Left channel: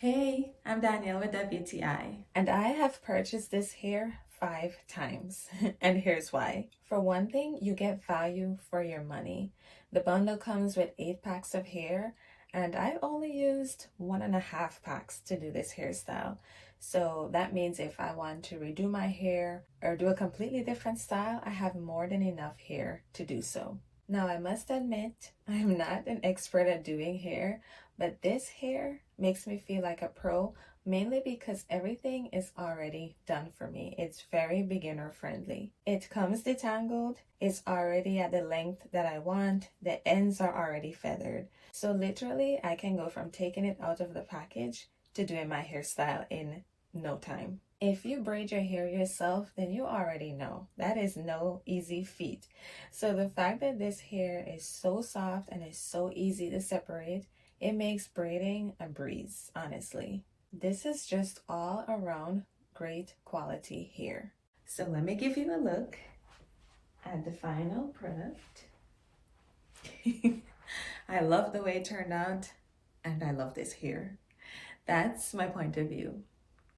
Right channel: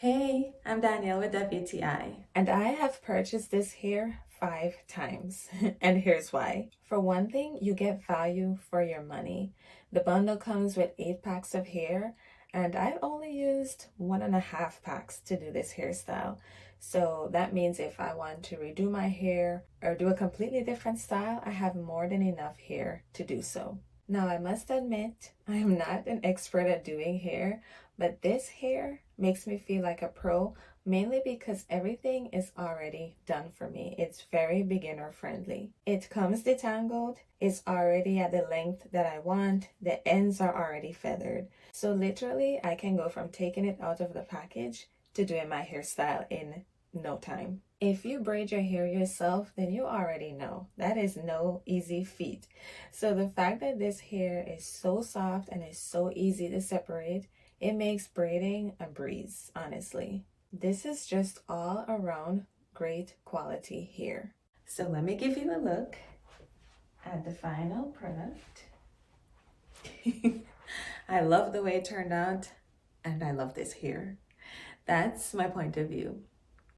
Hey, I'm Danielle with WTI, and I have purchased this hair 5 times. And here's why. For one thing, you get value for your money. The bundle comes with 8 packs of hair, and I've only used 1.5 packs to do this hairstyle. So that means if I want to redo my hair or do a completely different style, I have more than enough hair to do so. Now, I must admit, I am not an expert at doing hair, but this hair makes me feel like a pro, mainly because everything is already done for me. It's very beginner friendly. It comes detangled, it's already at the length that I want, the ends are already feathered. So literally, I can go from taking it out of the package to doing my hairstyle in no time. If you braid your hair yourself, then you already know that is no easy feat. So the fact that this hair is so soft and is so easy to separate, it makes braiding a breeze, honestly. This is just all around great quality hair. So let me give you a look at the final product. I love the way it turned out, and I love this hair. That's my point of view.